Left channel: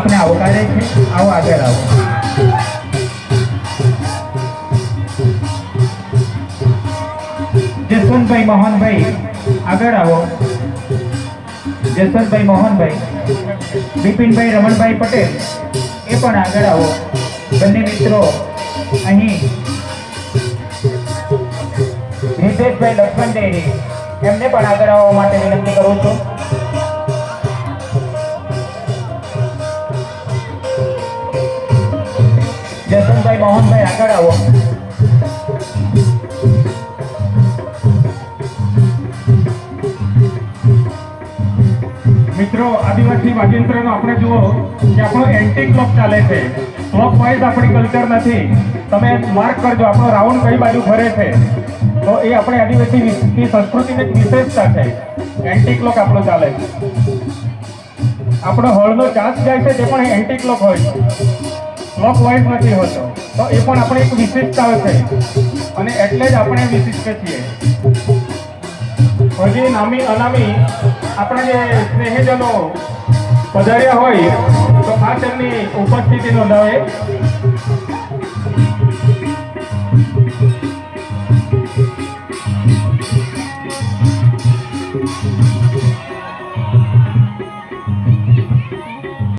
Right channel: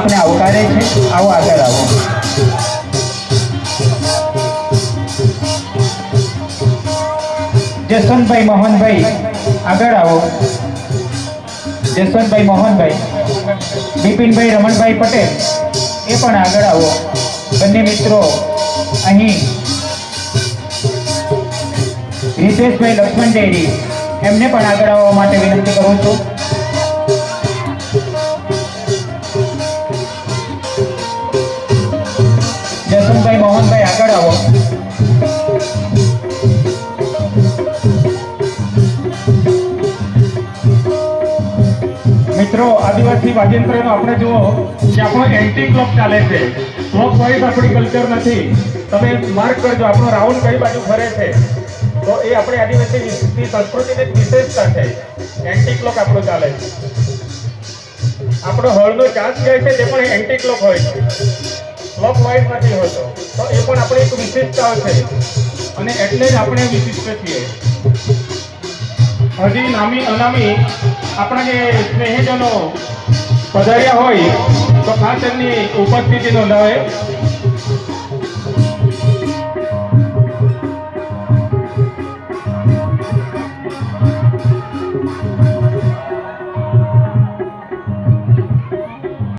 આપણે આવકારે છે. આવો આગળ આવો. જસવંતભાઈ મોહનભાઈ આગળ આવો. જસવંતભાઈ મોહનભાઈ, બિપિનભાઈ રમણભાઈ પટેલ એ પણ આગળ આવો. બંને મિત્રો અહીં હિતેશભાઈ લક્ષ્મણ ડેરી એમને પણ આગળ આવવા માટે વિનંતી કરું છું. જસવંતભાઈ મોહનભાઈ આગળ આવો. મિત્રો આદિવાસી વાજિંત્રનો આપણે જુઓ કે આપણો એન્ટી ક્લોક ચાલે છે. ક્લોક વાઇઝ આપણી કલ્ચર નથી. તમે માર્ક કરજો આપણો રાઉન્ડ કઈ બાજુ ફરે છે. તો એ આપણી આદિવાસી સંસ્કૃતિની વિશેષતા છે. એન્ટી ક્લોક આપણું ચાલે છે. આપણો હોળનો ચાર્જ જાય છે તે પણ એન્ટી ક્લોક હોય છે, ક્લોક વાઇઝ નથી હોતો. તો એ પણ આપણી એક વિશેષતા છે અને એટલે જ આપણે વિશિષ્ટ છીએ. હજી નામી અનામી આપણા જે સ્નેહીજનો પધાર્યા હોય તો ખાસ એમની ઉપસ્થિતિ નોંધાવે.